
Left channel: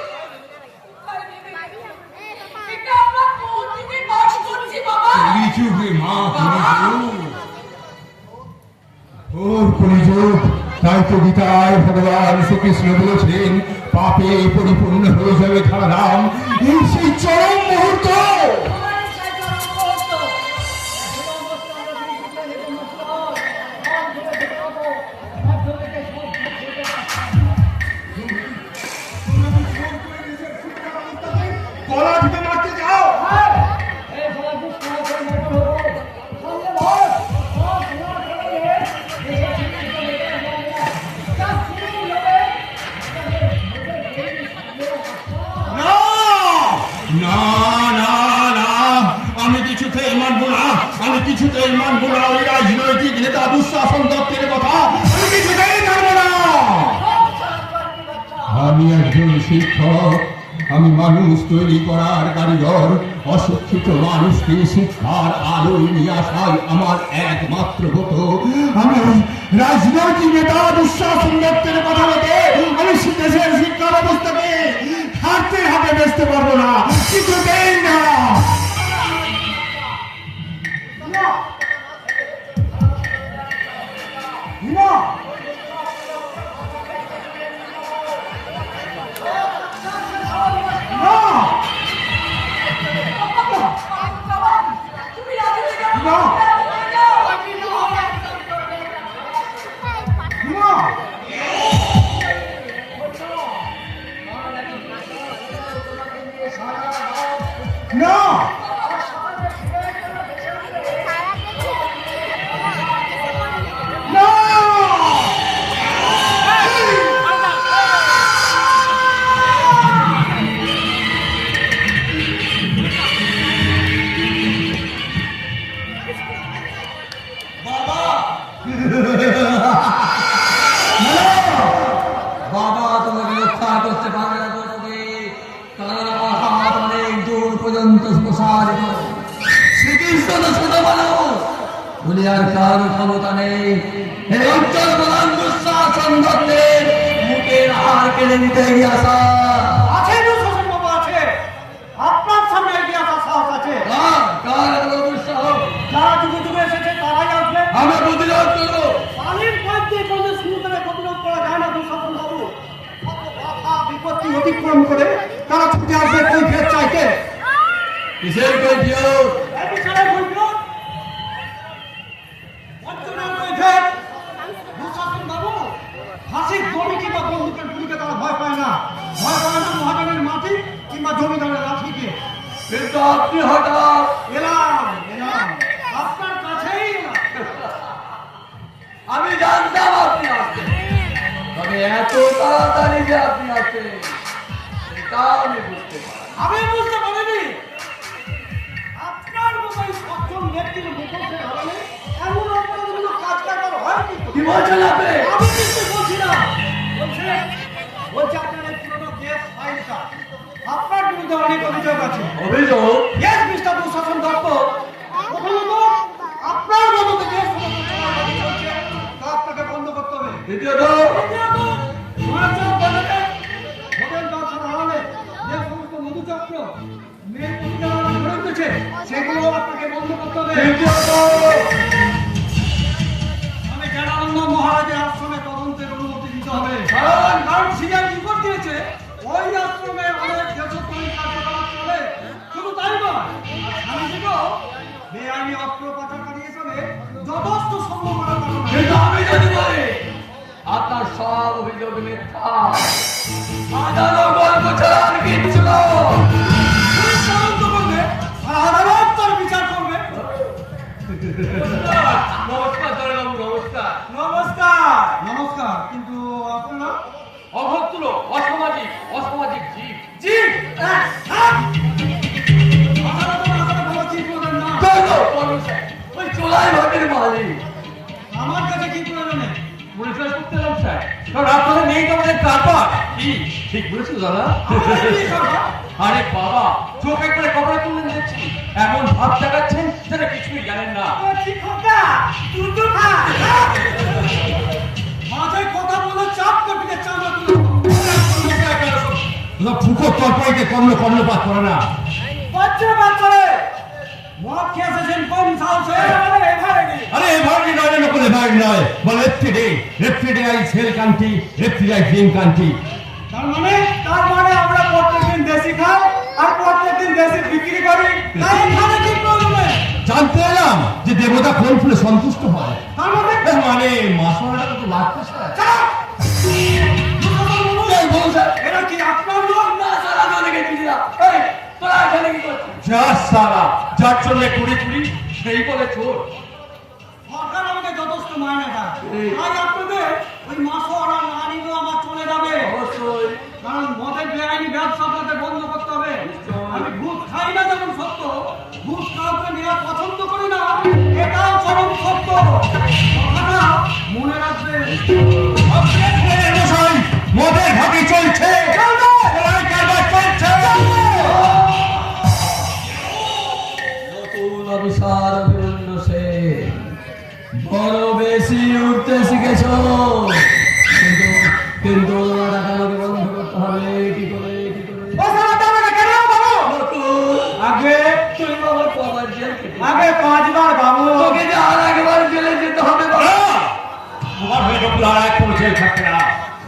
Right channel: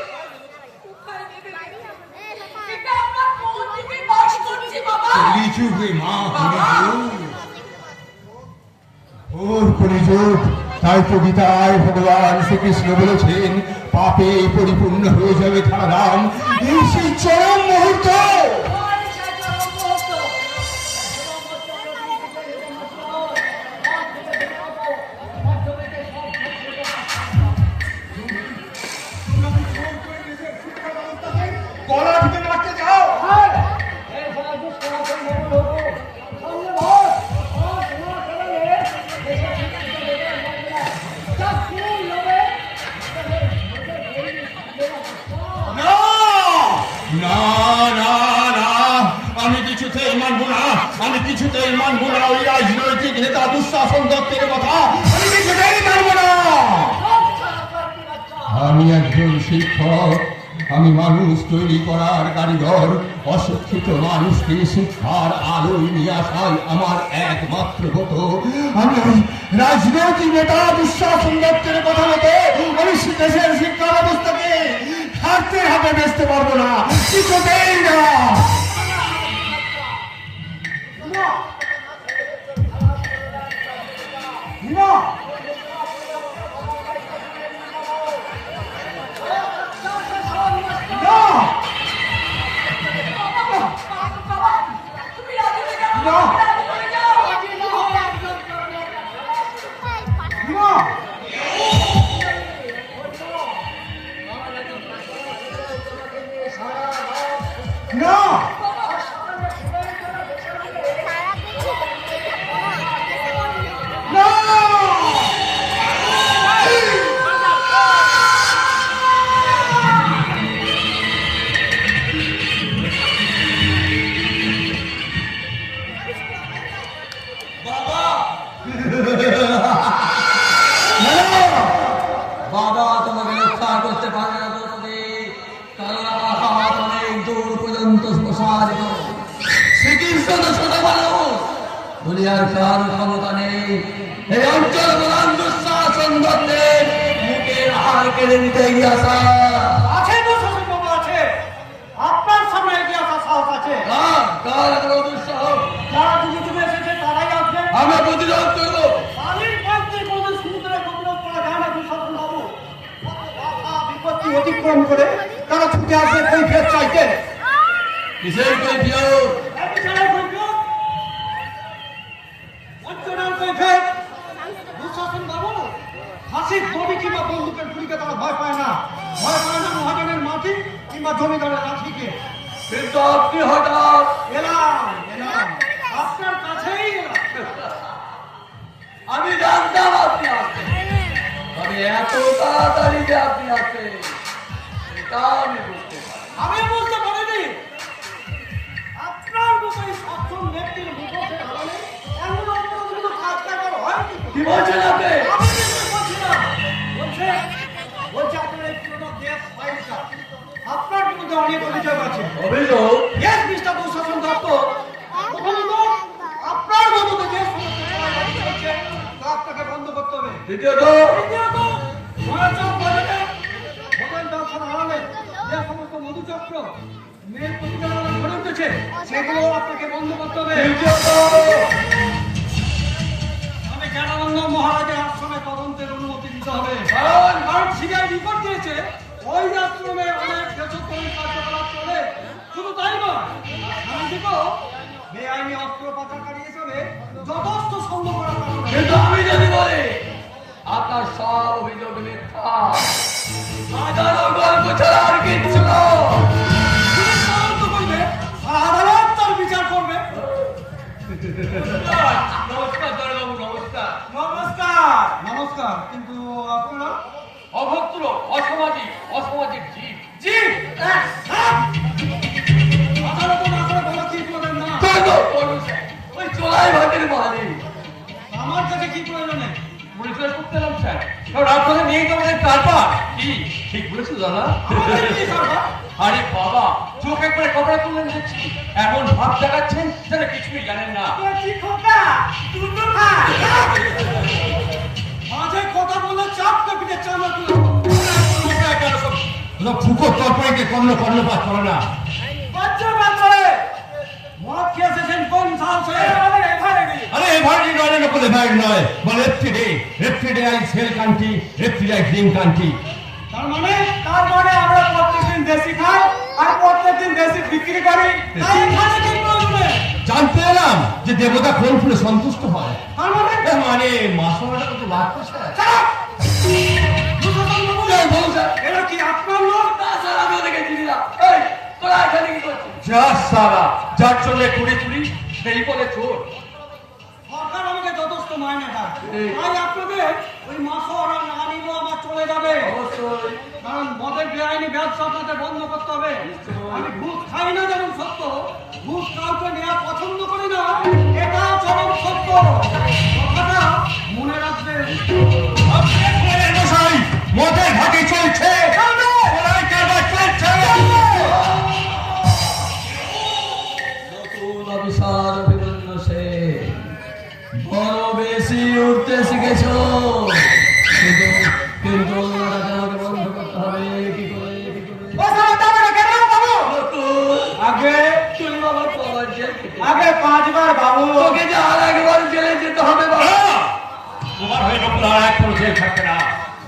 কোথায় নেবে? এটা আমরা কোন যুগে বাস করছি বাবা? কলিযুগে মা, কলিযুগ। ও কলিযুগ, তাই কবিতায় ভগবান শ্রীকৃষ্ণ বলেছেন, পাপে পরিপূর্ণ হয়ে যাবে ধারাম। এই সেই চরম মুহূর্ত। গলা টিপে মারতে যাও। আমি কিছুতেই মানব না ওই রাজনৈতিক নেতা দুঃশাসন দত্তের কথা, আমি কিছুতেই মানব না। আমি একজন শিক্ষক, আমি মানুষ তৈরি করার কারিগর। অশিক্ষিত মানুষকে শিক্ষার আলোয় নিয়ে আসাই আমার একমাত্র ব্রত। আমি রাজনৈতিক নেতা দুঃশাসন দত্তের কথা মতো আমি দেশের শিক্ষা ব্যবস্থাকে হাতে হাতে বেচতে পারবো না, কিছুতেই না। বাবা তোমাকে রক্ষা করতে পারবে না, তুমি হাত অনেক দূর পর্যন্ত প্রসারিত। শ্রীকৃষ্ণ তো ছোট বলো বলি আর কার ক্ষমতা নেই এই অঞ্চল প্রধান দুঃশাসন দত্তের মুখের হার কেড়ে নিতে এগিয়ে আসা। আছে তো সুশীল বাবু, আছে। আপনার সামনে এগিয়ে আসার সাহস আছে। কার এত দুঃসাহস? যারা যুগে যুগে এসেছে তারাই আসবে। আমরা প্রতিরোধ করবো। পানির মধ্যে কোনো সুন্দরে প্রতিরোধ করা যায় না দুঃশাসন বাবু। বিপত্তি অতিক্রম করে তারা ছুটে আসবে কৈফিয়ত চাইতে। কিসের কৈফিয়ত? এই বিচারের কৈফিয়ত, বঞ্চনার কৈফিয়ত। দুঃশাসন বাবু, ফাঁসির দড়ি কিংবা বন্দুকের গুলিকে তারা ভয় পায় না। ভয় পায় না মহাজনের মাটি কিংবা জমিদারের লাঠিকে। কিন্তু আপনি হঠাৎ এলাম আপনার কাছেই এলাম। আমি জানতাম আপনি আসবেন, তবে এত তাড়াতাড়ি যে আপনি আসবেন সেটা আমি বুঝতে পারি। আমি বুঝতে পারিনি আপনার মতো এই সক্ষম ব্যক্তির মুখোশে হারালে এমন অন্য কাজ করার হয় কি? কি বলছেন আপনি? আমি বিশ্বাস করছি না। বলছে আপনার এই পুরোনো দেশ ফাইলটা, আপনার বিরুদ্ধে অনেক অভিযোগ আছে। অভিযোগ? Yes, Mr. দুঃশাসন দত্ত। প্রথমত, আপনার মতো যে দেশ চলছে তা আপনাকে বন্ধ করতে হবে। দ্বিতীয়ত, মহাজন বাজারে ভবন ব্যবসা হারালে যে সমস্ত মধুচক্র মেয়ের প্রতিযোগিতা গড়ে উঠেছে সেগুলো আপনাকে বন্ধ করতে হবে। তৃতীয়ত, আমি জ্ঞানানন্দ মহারাজের আশ্রমে তদন্তের অনুমতি দিতে হবে। কারণ শিকার রিপোর্ট দিয়েছে ওই আশ্রমে অনেক দেশপ্রেমী কার্যকলাপ চলে। শুধু তাই নয়, স্বামীজিকেও বেআইনি অস্ত্র পাচারকারী হিসেবে যথেষ্ট সন্দেহ করা কারণ। কিন্তু আমি যদি বলি আপনার সব অভিযোগ মিথ্যা, সাজানো গল্প ছাড়া আর কিচ্ছু না। পুলিশ তদন্ত করবে, আর আদালত তার বিচার করবে। নমস্কার দয়াবাবু, নমস্কার। নমস্কার। নমস্কার, কিন্তু আপনারা অভদ্র, অসামাজিক, অসামাজিক জীব। জীব? আদালতে মাত্র বড় কি করবেন না। ওই চোলাই ভাবের মালিক। আমার কাছে কি প্রয়োজনে? পরিচয় করতে এলাম স্যার, কারণ আপনাদের নেই তো আমাদের ব্যাপার। কি ঠিক বলেছো দাদা? আরে বাবা, চোখ একবারে কবরে তুললেন দেখছি, এমন ভাব দেখাচ্ছেন যেন কিছুই জানেন না। মাথায় কথা বলে চাপ পিঠে চামড়া তুলে ফুকো তরকারিতে কর্ণপাত করে না। বাচ্চা বাচ্চারে মদ খেয়ে এসেছেন কোন সাহসে? আরে এভাবে নয়, করে এভাবে নয়, বলে রেফ্রিডে সেল কান্ট্রি, রেফ্রিডে ড্রিম কান্ট্রি। তার মানে আমরা প্রত্যেকদিন দেশি খাই আর প্রত্যেকদিন দেশি বিক্রি করি। তাই এখানে কি প্রয়োজনে? জানতে এলাম যে দেবতা কোন ফুলে সন্তুষ্ট হয়। তার মানে মানে মাসওয়ালাটা কত রাখতে স্যার। এরা কি আপনার লোক? না স্যার, আমি ওদেরকে চিনি না। এই, তোরা এখানে কি করছিস? যা সারা, যার জন্য চুরি সেই বলে চোর। সরকার আমাকে যথেষ্ট মাইনে দেয়। তাই আপনাদের ওই মাসওয়ালা না নিলেও আমার চলে যাবে। কারণ মদের বেআইনি ব্যবসা আপনাদের বন্ধ করতে হবে। আমি ঘুষ খাই না যেমন সত্য, ঘুষ কাউকে নেওয়া পছন্দ করি না। অফিসার বীরেন্দ্র সেন, বড় বেশি উঠতে শিখেছ, কিন্তু কিন্তু রাজাকে বন্ধ করতে হবে। কি করে কি করে? আগে তুই বাবা পরের জেল খেটে। আগে 5 বার বাবু তোকে যে আর একবার জেলে যেতে হবে বাবা। তোমার হয়ে নকুল আর এক কোনো ছেলে থাকবে না।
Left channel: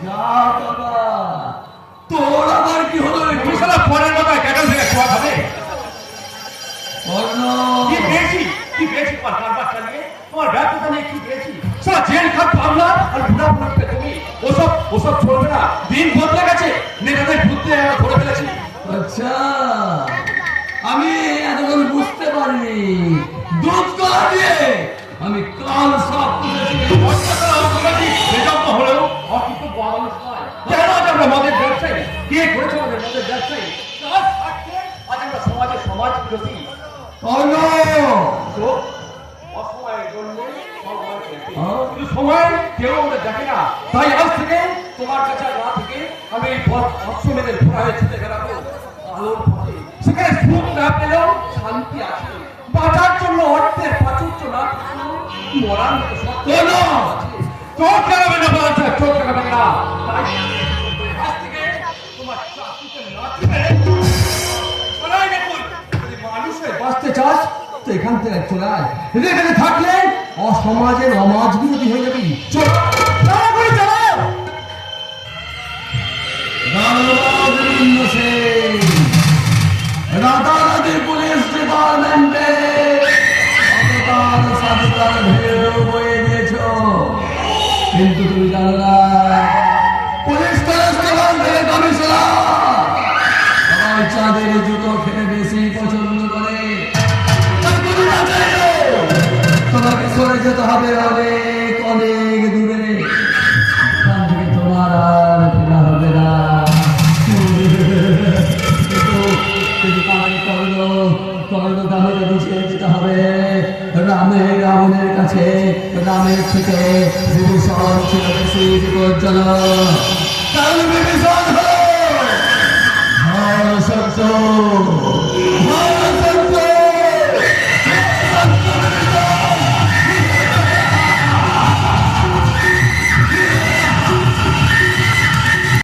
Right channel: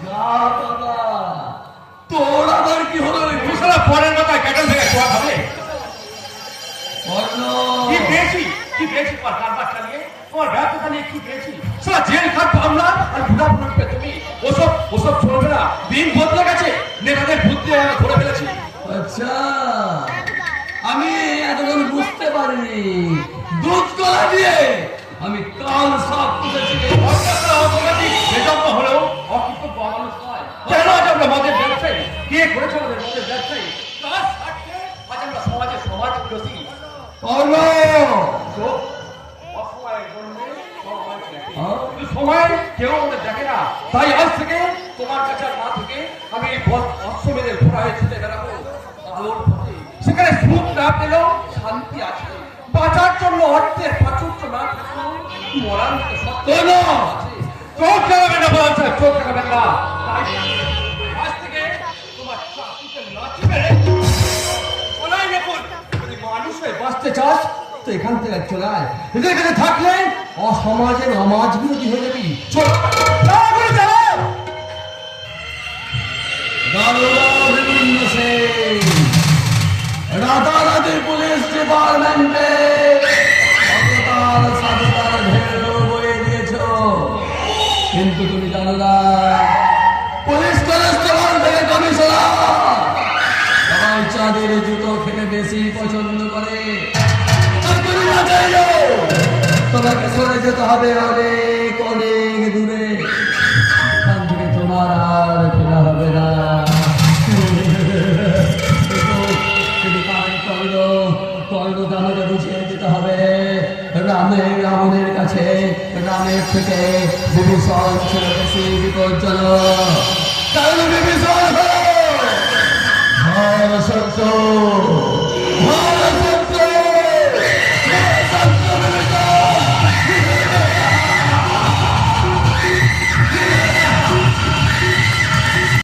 না বাবা, তোর আবার কি হলো? তুমি সারা পরের মাথায় ক্যাটেল থেকে খোয়া খাবে। স্বর্ণ কি পেয়েছি তোমার কারবার চালিয়ে, তোমার ব্যর্থতা নিয়ে কি পেয়েছি? সারা জেল খাট পাবলা আর বুড়া বুড়াকে তুমি ওসব চলবে না। দিন বদলে গেছে, নেতাদের বুদ্ধি আমরা ধরে ফেলেছি। আচ্ছা, আমি এতক্ষণ বুঝতে পারিনি। দুধ কলা দিয়ে আমি কাল সব তুলেছি। এজন্য হলেও অকৃতজ্ঞ মানুষ নয়। কেন আজ আমরা মদের ব্যবসায়ী? কে করেছে আমাদের মদের ব্যবসায়ী? কার স্বার্থে আজ আমরা সমাজ বিরোধী? স্বর্ণ তো অসময়ের জন্য সময় দেখে। কিন্তু সময় কেউ আমাদের দেখে না। তাই আজ থেকে তোমার কাছে না থেকে আমি এই আশ্রমেদের ঘোড়ায় ছেড়ে গেলাম আলোর পথে। সেখানে সুখ না পেলেও শান্তি আছে। বাঁচার জন্য অর্থের প্রাচুর্য না থাকলেও মরার মতো সত্য আছে। চোখ লাগাবে না বলা হচ্ছে, চোখ লাগাবে না। তাই আজ থেকে তোমার চাকরিতে নাচবে। বলাই রাখুন, যদি মানুষ হয়ে বাঁচতে চাস তো এখান থেকে চলে আয়। এখানে থাকলে অসমাজের সমাজ বিরোধী হয়ে যাবি। চল তাড়াতাড়ি চলো। বীরেন্দ্র সেন, রাতারাতি পুলিশ ডিপার্টমেন্টে সাধুতার ঢেউ বয়ে দিয়েছ, কিন্তু তুমি জানো না পুলিশ কনস্টেবল থেকে কমিশনার সবাই চাঁদের জুতো খেতে বেশি পছন্দ করে। তাই তুমি না চাইলে তোমাকে সরে যেতে হবে।